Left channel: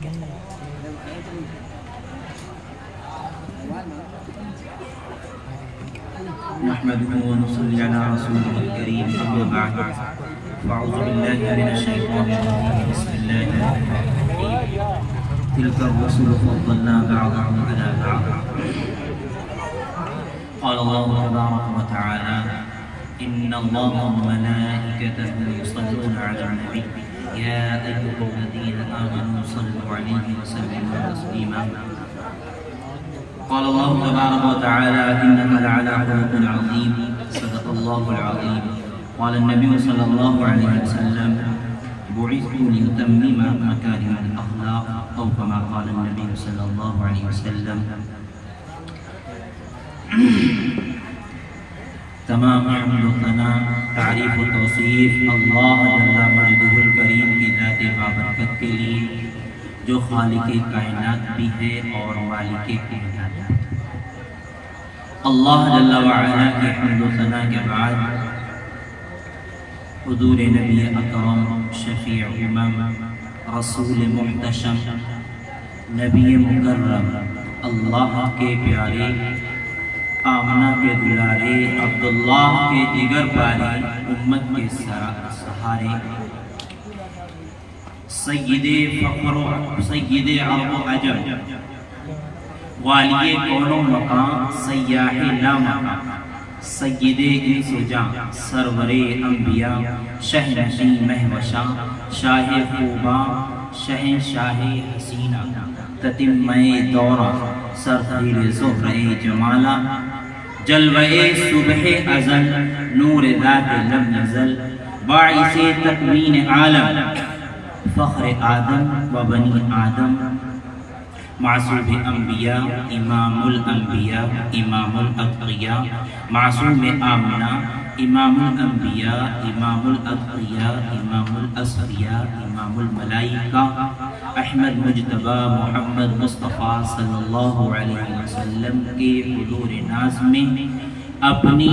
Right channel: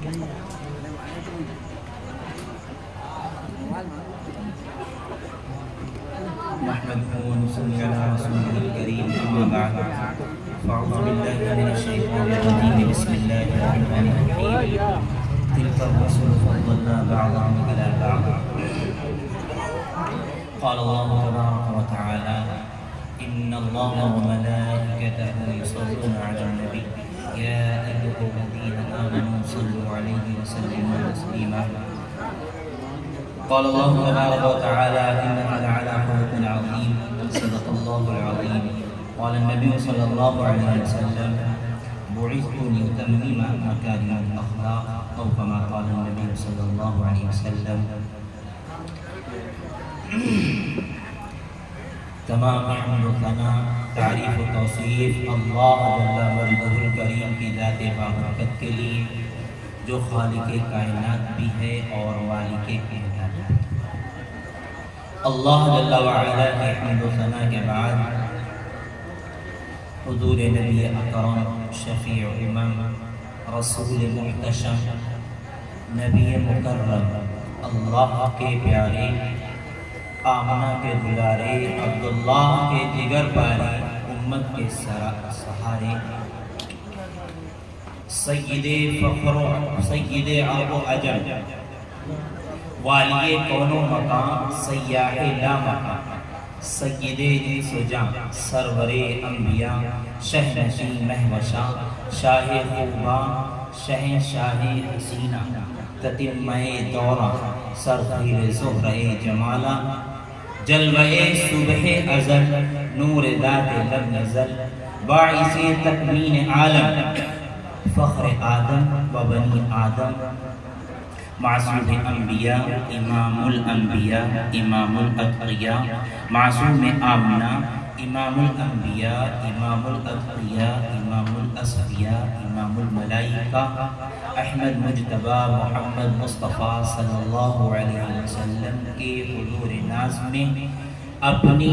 نحمده ونصلي على رسوله الكريم أما بعد فأعوذ بالله من الشيطان الرجيم بسم الله الرحمن الرحيم تلك الرسل فضلنا بعضهم على بعض قال الله تبارك وتعالى إن الله وملائكته يصلون على النبي يا أيها الذين آمنوا صلوا عليه وسلموا تسليما قال الله تبارك وتعالى إنك لعلى خلق عظيم صدق الله العظيم قال النبي صلى الله عليه وسلم بعثت لأتمم مكارم الأخلاق أو كما قال النبي صلى الله عليه وسلم. تمام حمد و ثنا تعریف و توصیف اللہ جل مجدہ الکریم کی ذات بابرکت کے لیے جو خالق کائنات بھی ہے اور مالک کائنات ہے. اللہ جل وعلا کی حمد و ثنا کے بعد حضور نبی اکرم شفیع امم رسول محتشم نبی مکرم اللہ کے پیارے آمنہ کے دلارے عبداللہ کے جگر پاری امت کے سہارے سید فخر سید عرب و عجم والی کون و مقام سیاح لا مقام سید انس و جان سرور انبیاء شہنشین مہوشاں شاہ خوباں شہنشاہ حسینہ تتمہ دورہ سرخیر زہرہ جمالہ جلوہ صبح ازل نور ذات لم نزل باعث تکوین عالم فخر آدم و بنی آدم معصوم انبیاء امام الانبیاء امام الاتقیاء معصوم آمنہ امام الانبیاء امام الاتقیاء امام الاسفیاء امام الملائکہ احمد مجتبی محمد مصطفیٰ صلی اللہ علیہ وسلم کے حضور ناز میں اپنی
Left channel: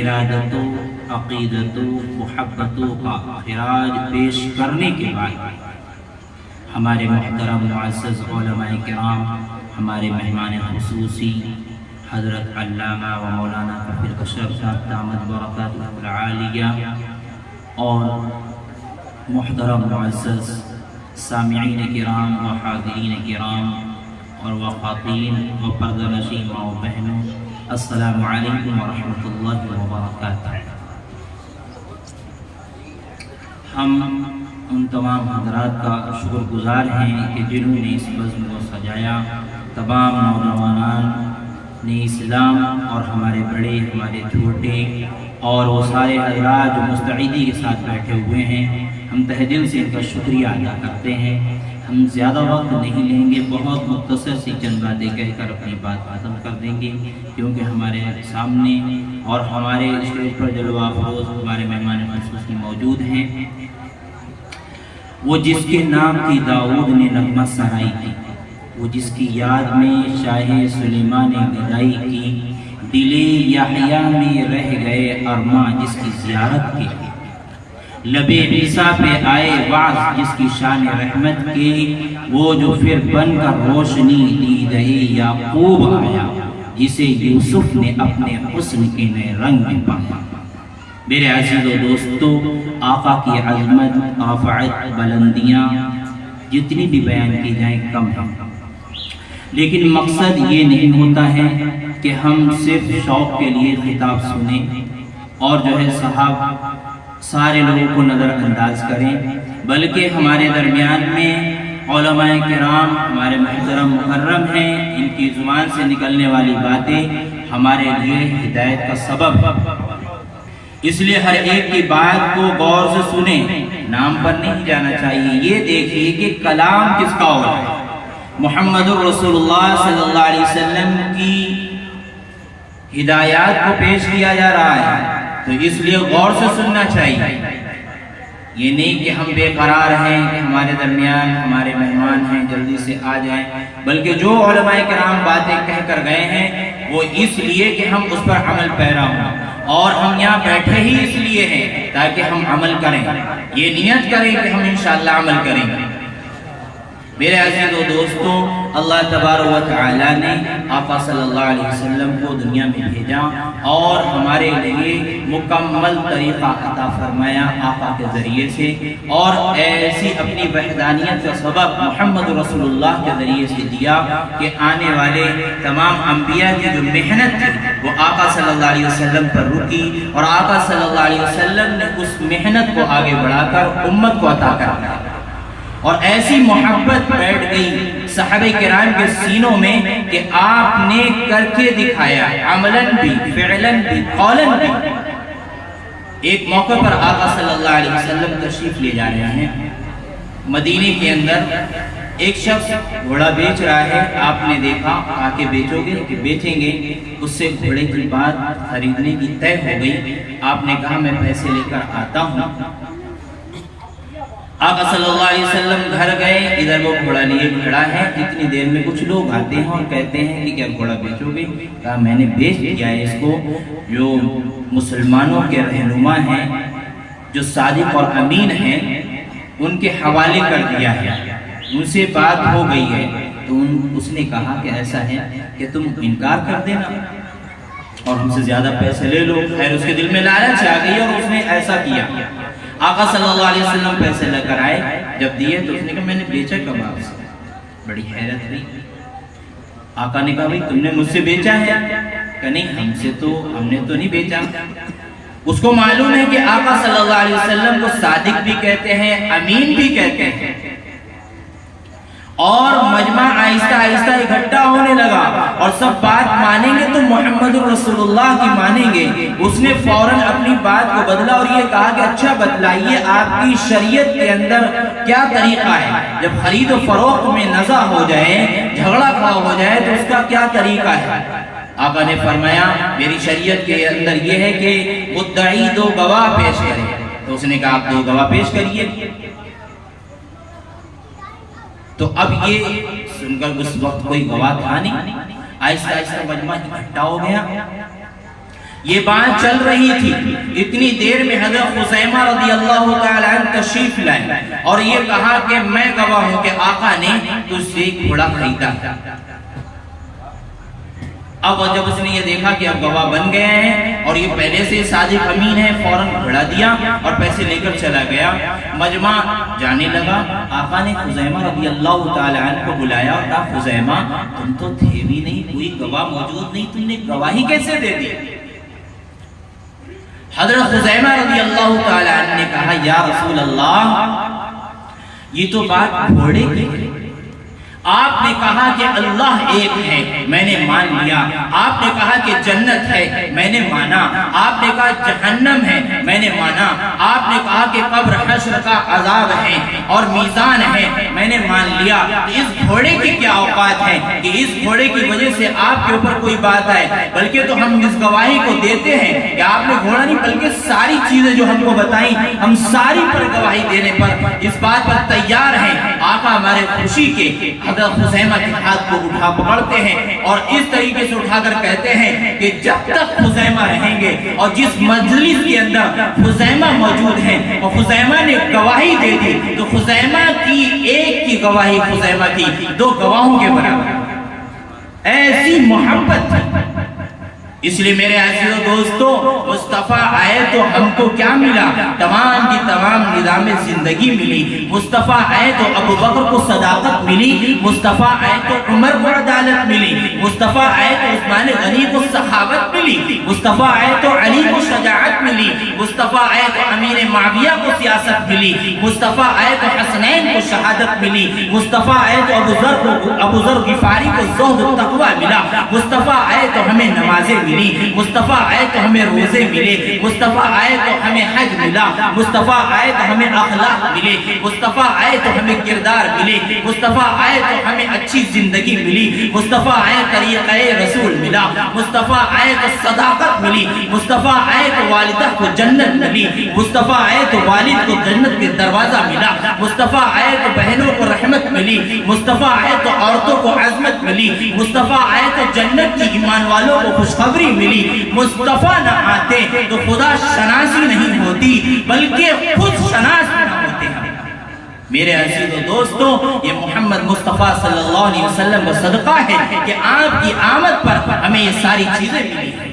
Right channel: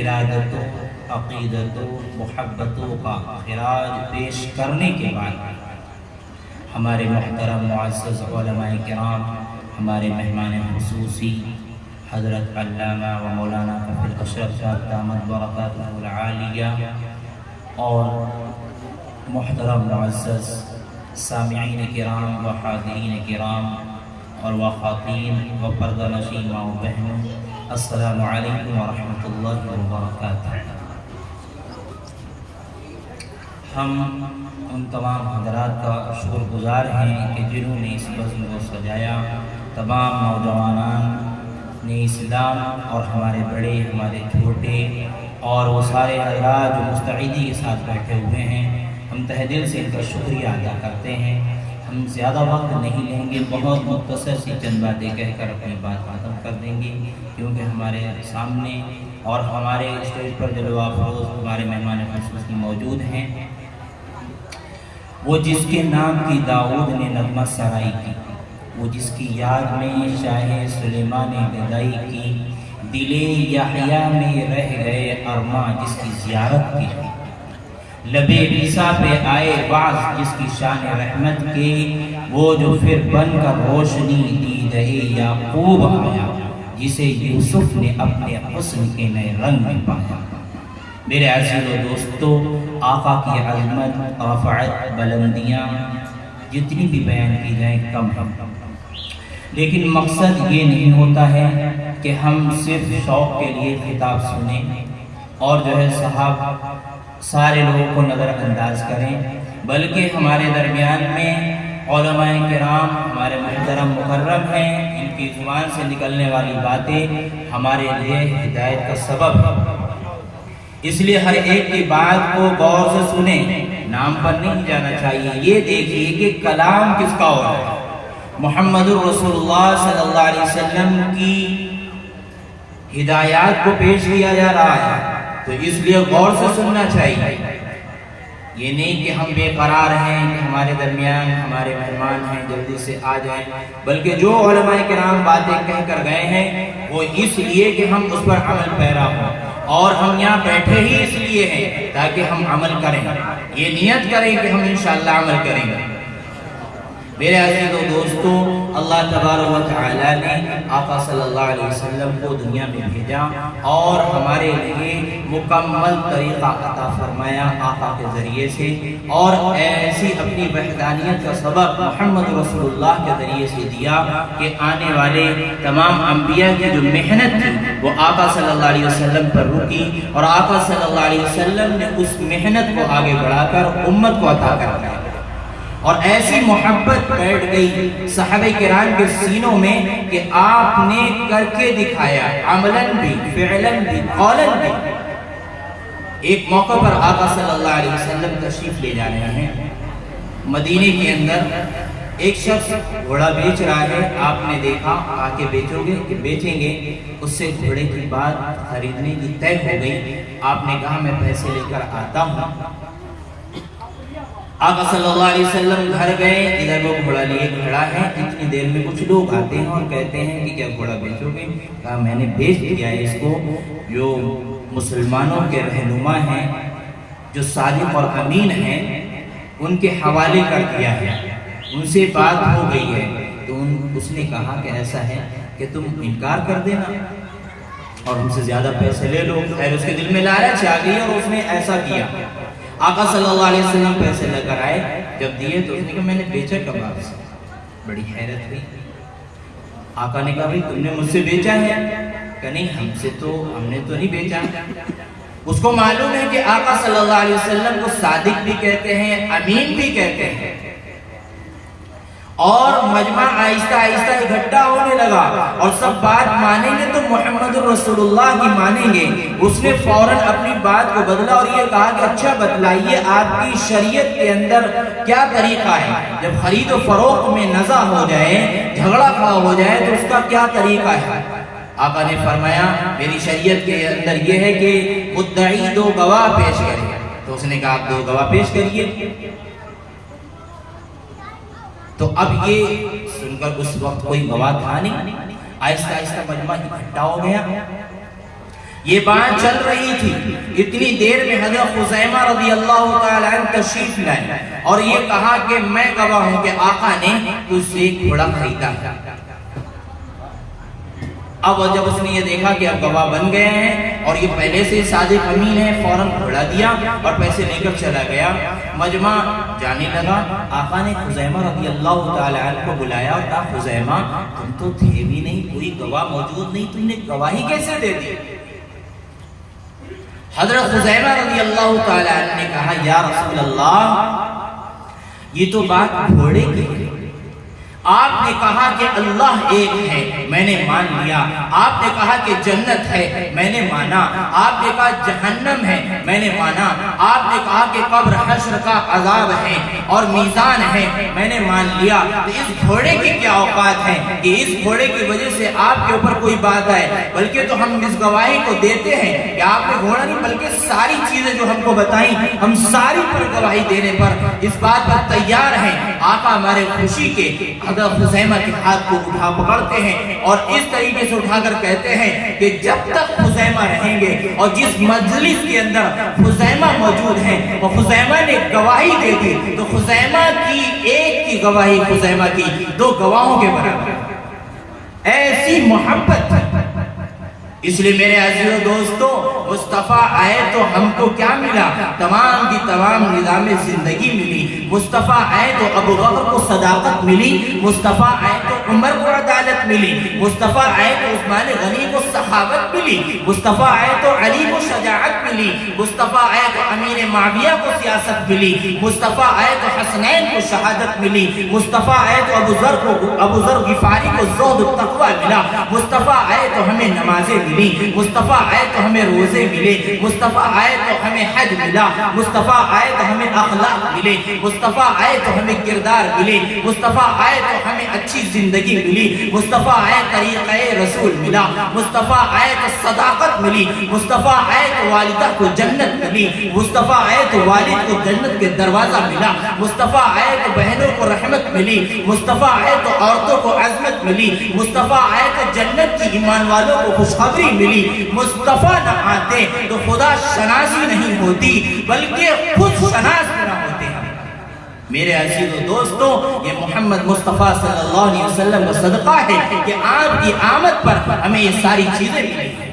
ارادتوں عقیدتوں محبتوں کا خراج پیش کرنے کے بعد ہمارے محترم معزز علماء کرام ہمارے مہمان خصوصی حضرت علامہ و مولانا کفیل اشرف صاحب دامت برکاتہ العالیہ اور محترم معزز سامعین کرام و حاضرین کرام اور خواتین و پردہ نشین ماں و بہنوں السلام علیکم ورحمۃ اللہ وبرکاتہ. ہم ان تمام حضرات کا شکر گزار ہیں کہ جنہوں نے اس بزم کو سجایا. تمام نوجوانان نے اسلام اور ہمارے بڑے ہمارے چھوٹے اور وہ سارے حضرات جو مستعدی کے ساتھ بیٹھے ہوئے ہیں ہم تہ دل سے ان کا شکریہ ادا کرتے ہیں. ہم زیادہ وقت نہیں لیں گے بہت مختصر سی چند باتیں کہہ کر اپنی بات ختم کر دیں گے کیونکہ ہمارے سامنے اور ہمارے اسٹیج پر جلوہ افروز ہمارے مہمان خصوصی موجود ہیں. وہ جس کے نام کی داؤد نے نغمہ سرائی کی وہ جس کی یاد میں شاہ سلیمان نے گدائی کی دل یحییٰ میں رہ گئے ارماں جس کی زیارت کی لب عیسیٰ پہ آئے بعض جس کی شان رحمت کے وہ جو پھر بن کر روشنی دیدہ یعقوب آیا جسے یوسف نے اپنے حسن کے نئے رنگ میں پایا. میرے عزیز و دوستو آقا کی عظمت رفعت بلندیاں جتنی بھی بیان کی جائیں کم ہیں لیکن مقصد یہ نہیں ہوتا ہے کہ ہم صرف شوق کے لیے خطاب سنیں اور جو ہے صاحب سارے لوگوں کو نظر انداز کریں بلکہ ہمارے درمیان میں علماء کرام ہمارے محترم مکرم ہیں. ان کی زبان سے نکلنے والی باتیں ہمارے لیے ہدایت کا سبب ہے. اس لیے ہر ایک کی بات کو غور سے سنیں نام پر نہیں جانا چاہیے. یہ دیکھیے کہ کلام کس کا ہو رہا ہے. محمد رسول اللہ صلی اللہ علیہ وسلم کی ہدایات کو پیش کیا جا رہا ہے تو اس لیے غور سے سننا چاہیے. یہ نہیں کہ ہم بے قرار ہیں کہ ہمارے درمیان ہمارے مہمان ہیں جلدی سے آ جائیں بلکہ جو علماء کرام باتیں کہہ کر گئے ہیں وہ اس لیے کہ ہم اس پر عمل پیرا ہوں اور ہم یہاں بیٹھے ہی اس لیے ہیں تاکہ ہم عمل کریں. یہ نیت کریں کہ ہم انشاءاللہ عمل کریں گے. میرے عزیزو دوستوں، اللہ تبارک و تعالی نے آقا صلی اللہ علیہ وسلم کو دنیا میں بھیجا اور ہمارے لیے مکمل طریقہ عطا فرمایا آقا کے ذریعے سے، اور ایسی اپنی وحدانیت کا سبب محمد رسول اللہ کے ذریعے سے دیا کہ آنے والے تمام انبیاء کی جو محنت تھی وہ آقا صلی اللہ علیہ وسلم پر رکی، اور آقا صلی اللہ علیہ وسلم نے اس محنت کو آگے بڑھا کر امت کو عطا کر دیا، اور ایسی محبت بیٹھ گئی صحابہ کرام کے سینوں میں کہ آپ نے کر کے دکھایا، عملاً بھی، فعلاً بھی، قولاً بھی۔ ایک موقع پر آقا صلی اللہ علیہ وسلم تشریف لے جا رہے ہیں، مدینے کے اندر ایک شخص گھوڑا بیچ رہا ہے، آپ نے دیکھا، آ کے بیچو گے کہ بیچیں گے، اس سے گھوڑے کی بات خریدنے کی طے ہو گئی۔ آپ نے کہا میں پیسے لے کر آتا ہوں۔ آقا صلی اللہ علیہ وسلم گھر گئے، ادھر وہ گھوڑا لیے کھڑا ہے، اتنی دیر میں کچھ لوگ آتے ہیں اور کہتے ہیں کہ کیا گھوڑا بیچو گے؟ کہا میں نے بیچ دیا ہے اس کو، جو مسلمانوں کے رہنما ہیں، جو صادق اور امین ہیں، ان کے حوالے کر دیا ہے، ان سے بات ہو گئی ہے۔ تو اس نے کہا کہ ایسا ہے کہ تم انکار کر دینا اور ہم سے زیادہ پیسے لے لو۔ خیر اس کے دل میں لالچ آ گئی اور اس نے ایسا کیا۔ آقا صلی اللہ علیہ وسلم پیسے لے کر آئے، جب دیے تو اس نے کہا میں نے بیچا کب آپ سے؟ بڑی حیرت ہوئی۔ آقا نے کہا بھئی تم نے مجھ سے بیچا ہے؟ کہ نہیں، ہم نے تو نہیں بیچا۔ اس کو معلوم ہے کہ آقا صلی اللہ علیہ وسلم کو صادق بھی کہتے ہیں، امین بھی کہتے ہیں، اور مجمع آہستہ آہستہ اکٹھا ہونے لگا اور سب بات مانیں گے تو محمد رسول اللہ کی مانیں گے۔ اس نے فوراً اپنی بات کو بدلا اور یہ کہا کہ اچھا بتلائیے آپ کی شریعت کے اندر کیا طریقہ ہے، جب خرید و فروخت میں نزاع ہو جائے، جھگڑا کھڑا ہو جائے تو اس کا کیا طریقہ ہے؟ آقا نے فرمایا میری شریعت کے اندر یہ ہے کہ مدعی 2 گواہ پیش کرے۔ تو اس نے کہا آپ 2 گواہ پیش کریے۔ تو اب یہ سن کر اس وقت کوئی گواہ تھا نہیں، آہستہ آہستہ مجمع اکٹھا ہو گیا۔ یہ بات چل رہی تھی، اتنی دیر میں حضرت خزیمہ رضی اللہ تعالیٰ عنہ تشریف لائے اور یہ کہا کہ میں گواہ ہوں کہ آقا نے تجھ سے ایک گھوڑا خریدا۔ اب جب اس نے یہ دیکھا کہ اب گواہ بن گئے ہیں اور یہ پہلے سے صادق امین ہے، فوراً گھوڑا دیا اور پیسے لے کر چلا گیا۔ مجمع جانے لگا، آقا نے خزیمہ رضی اللہ تعالیٰ عنہ کو بلایا اور کہا خزیمہ تم تو تھے بھی نہیں، کوئی گواہ موجود نہیں، تم نے گواہی کیسے دے دی؟ حضرت خزیمہ رضی اللہ تعالیٰ عنہ نے کہا یا رسول اللہ یہ تو بات گھوڑے کی ہے، آپ نے کہا کہ اللہ ایک ہے، میں نے مان لیا۔ آپ نے کہا کہ جنت ہے، میں نے مانا۔ آپ نے کہا جہنم ہے، میں نے مانا۔ آپ نے کہا کہ قبر حشر کا عذاب ہے اور میزان ہے، میں نے مان لیا۔ تو اس گھوڑے کی کیا اوقات ہے کہ اس گھوڑے کی وجہ سے آپ کے اوپر کوئی بات آئے؟ بلکہ تو ہم اس گواہی کو دیتے ہیں کہ آپ نے گھوڑا نہیں بلکہ ساری چیزیں جو ہم کو بتائیں، ہم ساری پر گواہی دینے پر اس بات پر تیار ہیں۔ آقا ہمارے خوشی کے حضرت خزیمہ کے ہاتھ کو اٹھا پکڑتے ہیں اور اس طریقے سے اٹھا کر کہتے ہیں کہ جب تک خزیمہ رہیں گے، اور جس مجلس کے اندر خزیمہ موجود ہیں اور خزیمہ نے گواہی دے دی تو خزیمہ کی ایک کی گواہی خزیمہ کی 2 گواہوں کے برابر، ایسی محبت تھی۔ اس لیے میرے عزیز دوستو، مصطفیٰ آئے تو ہم کو کیا ملا؟ تمام کی تمام نظام زندگی ملی۔ مصطفیٰ آئے تو ابو بکر کو صداقت ملی، مصطفیٰ آئے تو عمر کو عدالت ملی، مصطفیٰ آئے تو عثمان غنی کو سخاوت ملی، مصطفیٰ آئے تو علی کو شجاعت ملی، مصطفیٰ آئے تو امیر معاویہ کو سیاست ملی، مصطفیٰ آئے تو حسنین کو شہادت ملی، مصطفیٰ آئے تو ابو ذر غفاری کو زہد و تقوی ملا، مصطفیٰ آئے تو ہمیں نمازیں ملی، مصطفیٰ آئے تو ہمیں روزے ملے، مصطفیٰ آئے تو ہمیں حج ملا، مصطفیٰ آئے تو ہمیں اخلاق ملے، مصطفیٰ آئے تو ہمیں کردار ملے، مصطفیٰ آئے تو ہمیں اچھی زندگی ملی، مصطفیٰ آئے طریقہ رسول ملا، مصطفیٰ آئے تو صداقت ملی، مصطفیٰ آئے تو والدہ کو جنت ملی، مصطفیٰ آئے تو والد کو جنت کے دروازہ ملا، مصطفیٰ آئے تو بہنوں کو رحمت ملی، مصطفیٰ آئے تو عورتوں کو عظمت ملی، مصطفیٰ آئے تو جنت کی ایمان والوں کو خوشخبری ملی۔ مصطفیٰ نہ آتے تو خدا شناسی نہیں ہوتی بلکہ خود شناس نہ ہوتے ہیں۔ میرے عزیز و دوستوں، یہ محمد مصطفیٰ صلی اللہ علیہ وسلم کا صدقہ ہے کہ آپ کی آمد پر ہمیں یہ ساری چیزیں ملی ہیں۔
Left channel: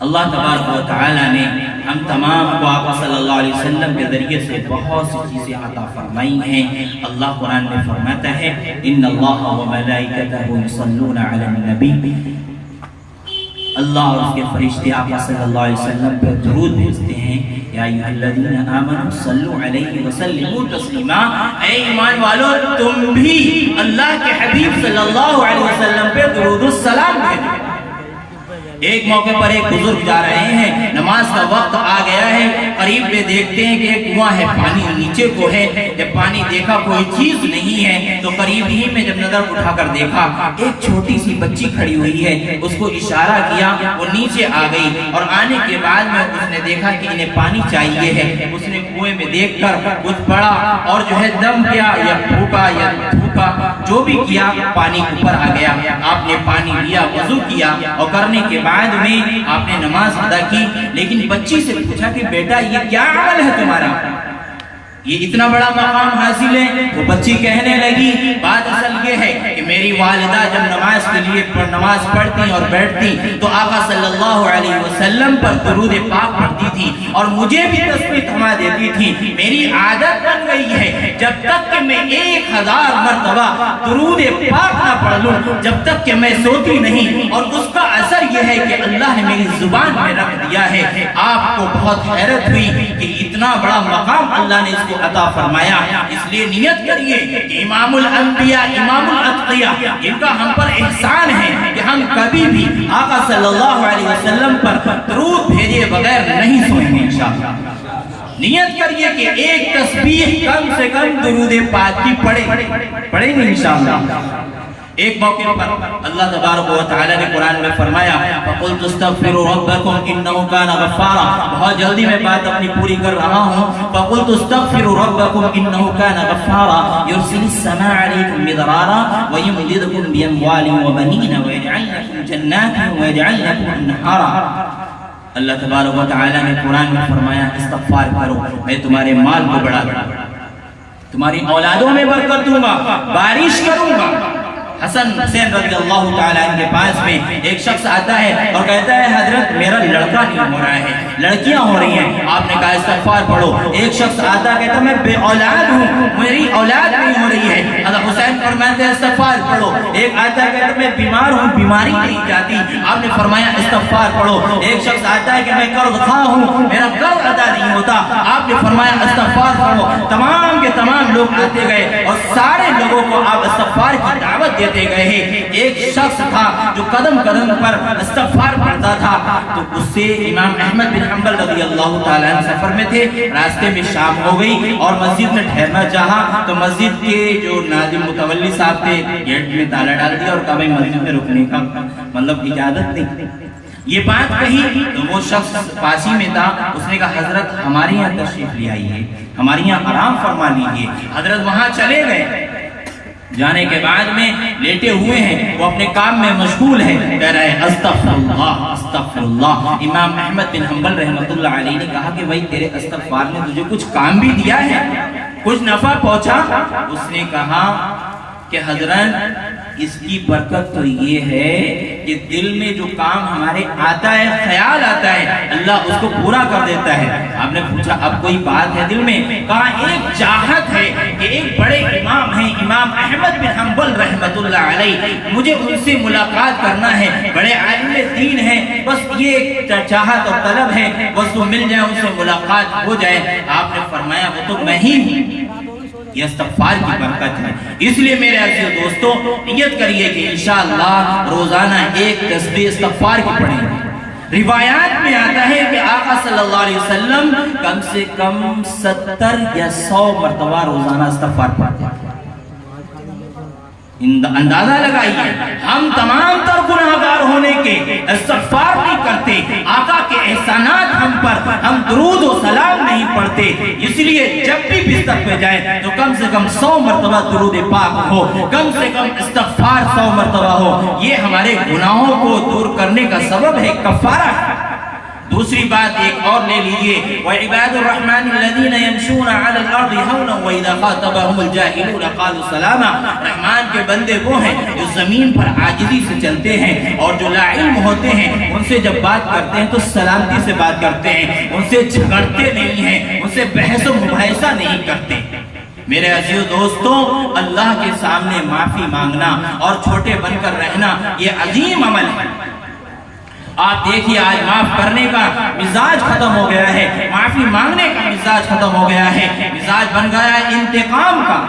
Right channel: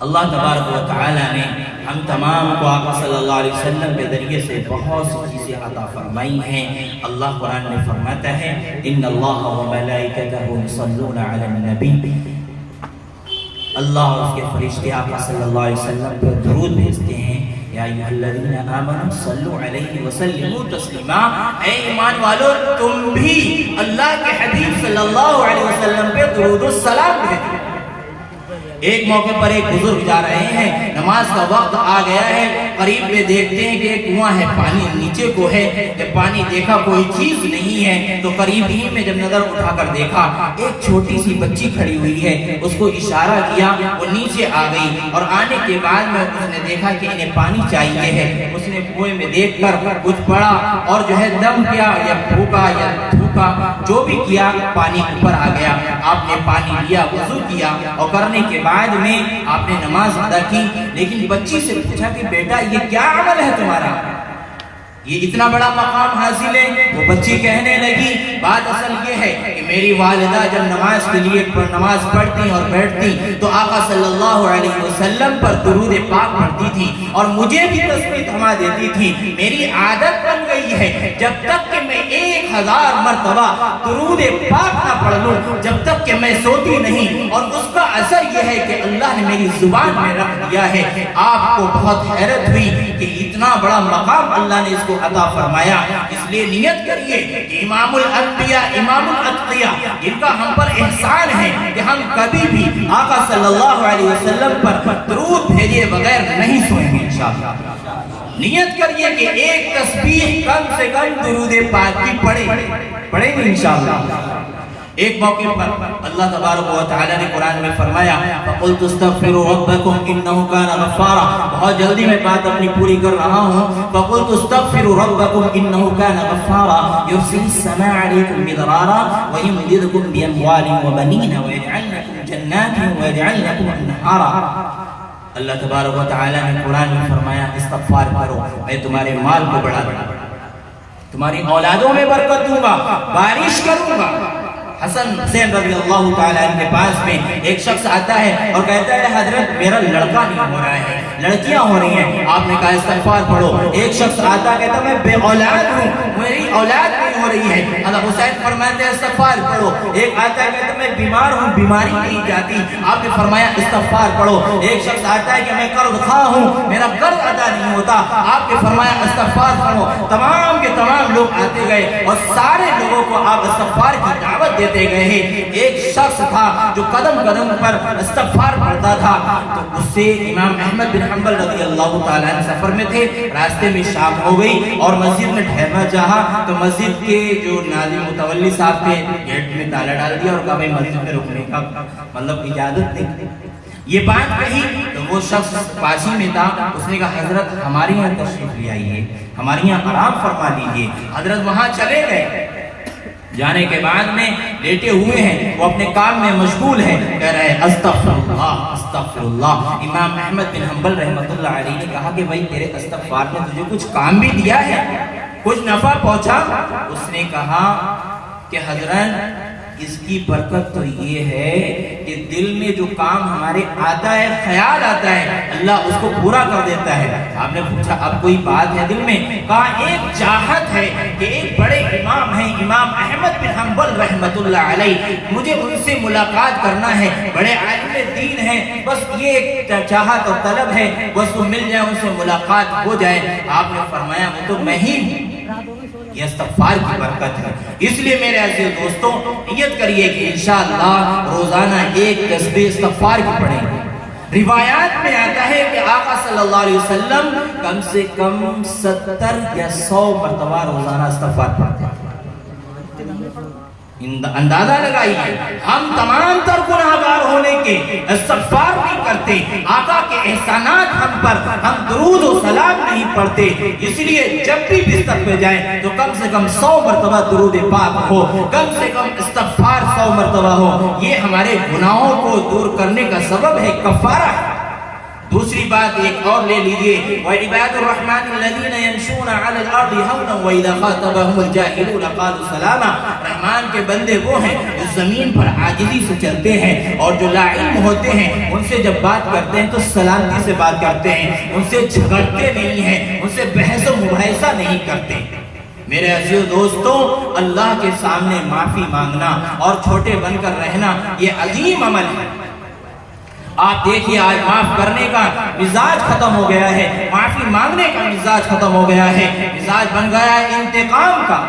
اللہ تبارک و تعالیٰ نے ہم تمام کو آقا صلی اللہ علیہ وسلم کے ذریعے سے بہت سی چیزیں عطا فرمائی ہیں۔ اللہ قرآن میں فرماتا ہے ان اللہ و ملائکتہ یصلون علی النبی، اللہ اور اس کے فرشتے آقا صلی اللہ علیہ وسلم پر درود بھیجتے ہیں۔ یا ایھا الذین آمنوا صلوا علیہ وسلموا تسلیما، اے ایمان والو تم بھی اللہ کے حبیب صلی اللہ علیہ وسلم پہ درود و سلام بھیجو۔ ایک موقع پر ایک بزرگ جا رہے ہیں، نماز کا وقت آ گیا ہے، قریب میں دیکھتے ہیں کہ ایک کنواں ہے، پانی نیچے کو ہے۔ جب پانی دیکھا کوئی چیز نہیں ہے تو قریب ہی میں جب نظر اٹھا کر دیکھا ایک چھوٹی سی بچی کھڑی ہوئی ہے، اس کو اشارہ کیا، وہ نیچے آ گئی اور آنے کے بعد میں اس نے دیکھا کہ انہیں پانی چاہیے ہے۔ اس نے کنویں میں دیکھ کر کچھ پڑا اور جو ہے دم کیا یا پھونکا یا تھوکا، جو بھی کیا پانی اوپر آ گیا۔ آپ نے پانی لیا، وضو کیا اور کرنے کے بعد میں آپ نے نماز ادا کی۔ لیکن بچی سے پوچھا کہ بیٹا یہ کیا عمل ہے تمہارا، یہ اتنا بڑا مقام حاصل ہے؟ وہ بچی کہنے لگی بات اصل یہ ہے کہ میری والدہ جب نماز کے لیے نماز پڑھتی اور بیٹھتی تو آقا صلی اللہ علیہ وسلم پر درود پاک پڑھتی تھی اور مجھے بھی تسبیح تھما دیتی تھی۔ میری عادت بن گئی ہے جب تک کہ میں 1000 مرتبہ درود پاک نہ پڑھ لوں جب تک کہ میں سوتی نہیں، اور اس کا اثر یہ ہے کہ اللہ نے میری زبان میں رکھ دیا ہے۔ آپ کو بہت حیرت ہوئی کہ اتنا بڑا مقام اللہ نے اس کو عطا فرمایا، اس لیے نیت کریے کہ امام الانبیاء امام الاتقیاء جن کا ہم پر احسان ہے کہ ہم کبھی بھی آقا صلی اللہ علیہ وسلم پر درود بھیجے بغیر نہیں سوئیں گے انشاءاللہ۔ نیت کریے کہ ایک تسبیح کم سے کم درود پاک کی پڑھیں گے انشاءاللہ۔ ایک موقع پر اللہ تبارک و تعالی نے قرآن میں فرمایا فَقُلْتُ اسْتَغْفِرُوا رَبَّكُمْ إِنَّهُ كَانَ غَفَّارًا، بہت جلدی میں بات اپنی پوری کر رہا ہوں۔ فَقُلْتُ اسْتَغْفِرُوا رَبَّكُمْ إِنَّهُ كَانَ غَفَّارًا يُرْسِلِ السَّمَاءَ عَلَيْكُمْ مِدْرَارًا وَيُمْدِدْكُمْ بِأَمْوَالٍ وَبَنِينَ وَيَجْعَلْ لَكُمْ جَنَّاتٍ وَيَجْعَلْ لَكُمْ أَنْهَارًا۔ اللہ تبارک و تعالی نے قرآن میں فرمایا استغفار کرو، میں تمہارے مال کو بڑھا تمہاری اولادوں میں برکت دوں گا، بارش کروں گا۔ حسن حسین رضی اللہ تعالیٰ عنہ کے پاس میں ایک شخص آتا ہے اور کہتا ہے حضرت میرا لڑکا نہیں ہو رہا ہے، لڑکیاں ہو رہی ہیں۔ آپ نے کہا استغفار پڑھو۔ ایک شخص آتا ہے کہتا ہے میں بے اولاد ہوں، میری اولاد نہیں ہو رہی ہے۔ حضرت حسین فرماتے ہیں استغفار پڑھو۔ ایک آتا ہے کہتا ہے میں بیمار ہوں، بیماری نہیں جاتی، آپ نے فرمایا استغفار پڑھو۔ ایک شخص آتا ہے کہ میں قرض خواہ ہوں، میرا قرض ادا نہیں ہوتا، آپ نے فرمایا استغفار پڑھو۔ تمام کے تمام لوگ آتے گئے اور سارے لوگوں کو آپ استغفار کی دعوت دیتے گئے ہیں۔ ایک شخص تھا جو قدم قدم پر استغفار پڑھتا تھا، تو اس سے امام احمد بن حنبل رضی اللہ تعالیٰ عنہ سفر میں تھے، راستے میں شام ہو گئی اور مسجد میں ٹھہرنا چاہا تو مسجد کے جو ناظم متولی صاحب تھے گیٹ میں تالا ڈال دیا اور کبھی مسجد میں رکنے کا مطلب اجازت نہیں۔ یہ بات کہی تو وہ شخص پاسی میں تھا، اس نے کہا حضرت ہمارے یہاں تشریف لے آئیے، ہمارے یہاں آرام فرما لیجیے۔ حضرت وہاں چلے گئے، جانے کے بعد میں لیٹے ہوئے ہیں، وہ اپنے کام میں مشغول ہیں، کہہ رہے استغفر اللہ استغفر اللہ۔ امام احمد بن حنبل رحمۃ اللہ علیہ نے کہا کہ بھائی تیرے استغفار نے تجھے کچھ کام بھی دیا ہے، کچھ نفع پہنچا؟ اس نے کہا کہ حضرت اس کی برکت تو یہ ہے کہ دل میں جو کام ہمارے آتا ہے، خیال آتا ہے، اللہ اس کو پورا کر دیتا ہے۔ آپ نے پوچھا اب کوئی بات ہے دل میں؟ کہا ایک چاہت ہے کہ ایک بڑے امام ہیں امام احمد بن حنبل رحمۃ اللہ علیہ، مجھے ان سے ملاقات کرنا ہے، بڑے عالم دین ہیں، بس یہ چاہت اور طلب ہے، بس وہ مل جائے، ان سے ملاقات ہو جائے۔ آپ نے فرمایا وہ تو میں ہی ہوں۔ یہ استغفار کی برکت ہے۔ اس لیے میرے عزیز دوستوں نیت کریے کہ انشاءاللہ روزانہ ایک تسبیح استغفار کی پڑھیں گے۔ روایات میں آتا ہے کہ آقا صلی اللہ علیہ وسلم کم سے کم 70 یا 100 مرتبہ روزانہ استغفار پڑھتے ہیں۔ اندازہ لگائیے، ہم تمام تر گناہگار ہونے کے استغفار نہیں کرتے، آقا کے احسانات ہم پر، ہم درود و سلام نہیں پڑھتے۔ اس لیے جب بھی بستر پہ جائیں تو کم سے کم 100 مرتبہ درود پاک ہو، کم سے کم استغفار 100 مرتبہ ہو۔ یہ ہمارے گناہوں کو دور کرنے کا سبب ہے، کفارہ ہے۔ دوسری بات ایک اور لے لیجئے، وَعِبَادُ الرَّحْمَنِ الَّذِينَ يَمْشُونَ عَلَى الْأَرْضِ هَوْنًا وَإِذَا خَاطَبَهُمُ الْجَاهِلُونَ قَالُوا سَلَامًا۔ رحمان کے بندے وہ ہیں جو زمین پر عاجزی سے چلتے ہیں، اور جو لا علم ہوتے ہیں ان سے جب بات کرتے ہیں تو سلامتی سے بات کرتے ہیں، ان سے جھگڑتے نہیں ہیں، ان سے بحث و مباحثہ نہیں کرتے۔ میرے عزیز دوستوں، اللہ کے سامنے معافی مانگنا اور چھوٹے بن کر رہنا یہ عظیم عمل ہے۔ آپ دیکھیے آج معاف کرنے کا مزاج ختم ہو گیا ہے، معافی مانگنے کا مزاج ختم ہو گیا ہے، مزاج بن گیا ہے انتقام کا۔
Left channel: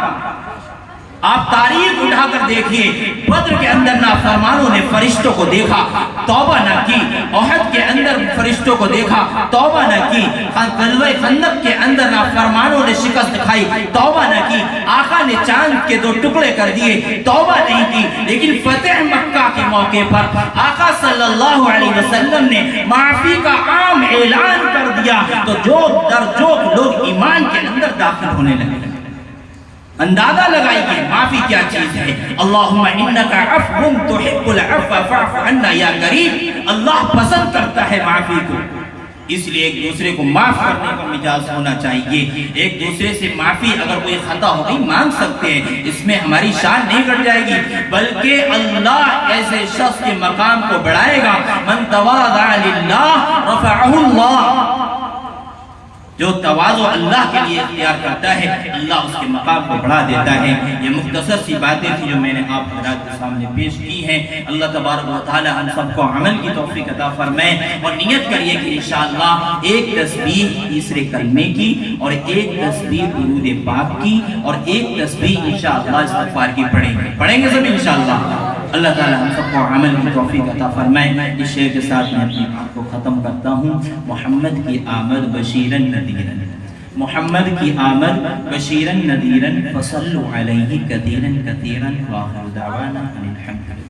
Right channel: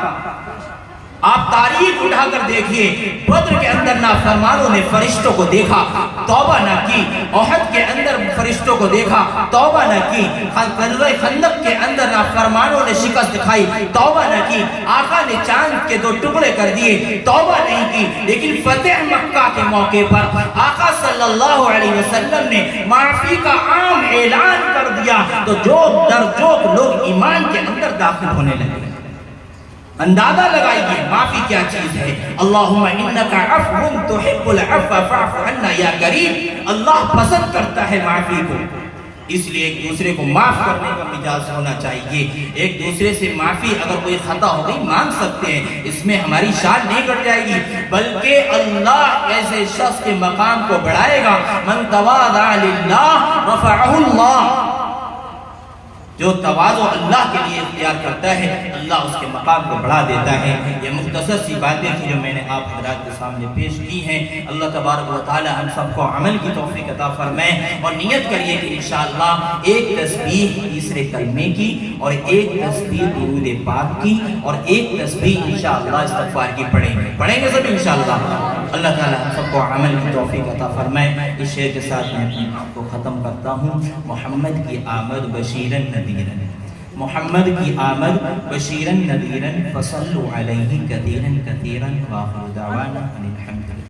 آپ تاریخ اٹھا کر دیکھیے، بدر کے اندر نافرمانوں نے فرشتوں کو دیکھا، توبہ نہ کی، احد کے اندر فرشتوں کو دیکھا، توبہ نہ کی، غزوہ خندق کے اندر نافرمانوں نے شکست دکھائی، توبہ نہ کی، آقا نے چاند کے 2 ٹکڑے کر دیے، توبہ نہیں کی۔ لیکن فتح مکہ کے موقع پر آقا صلی اللہ علیہ وسلم نے معافی کا عام اعلان کر دیا تو جوک در جوک لوگ ایمان کے اندر داخل ہونے لگے۔ اندازہ لگائیے معافی کیا چیز ہے۔ اللہم انکا عفو تحب العفو فاعف عنا یا کریم۔ اللہ پسند کرتا ہے معافی کو، اس لیے ایک دوسرے کو معاف کرنے کا مزاج ہونا چاہیے۔ ایک دوسرے سے معافی اگر کوئی خطا ہو گئی مانگ سکتے ہیں، اس میں ہماری شان نہیں گھٹ جائے گی، بلکہ اللہ ایسے شخص کے مقام کو بڑھائے گا۔ من تواضع للہ رفعہ اللہ، جو تواضع اللہ کے لیے اختیار کرتا ہے اللہ اس کے مقام کو بڑھا دیتا ہے۔ یہ مختصر سی باتیں تھی جو میں نے آپ حضرات کے سامنے پیش کی ہیں۔ اللہ تبارک و تعالی ہم سب کو عمل کی توفیق عطا فرمائے، اور نیت کریے کہ انشاءاللہ ایک تسبیح تیسرے کلمے کی، اور ایک تسبیح درود پاک کی، اور ایک تسبیح انشاءاللہ استغفار کی پڑھیں گے سب انشاءاللہ۔ اللہ تعالی ہم سب کو عمل کی توفیق عطا فرمائے۔ اس شعر کے ساتھ میں اپنی بات کو ختم کرتا ہوں۔ محمد کی آمد بشیرن نذیرن، محمد کی آمد بشیرن نذیرن، فصلوا علیہ کثیرن کثیرن، وآخر دعوانا ان الحمد للہ۔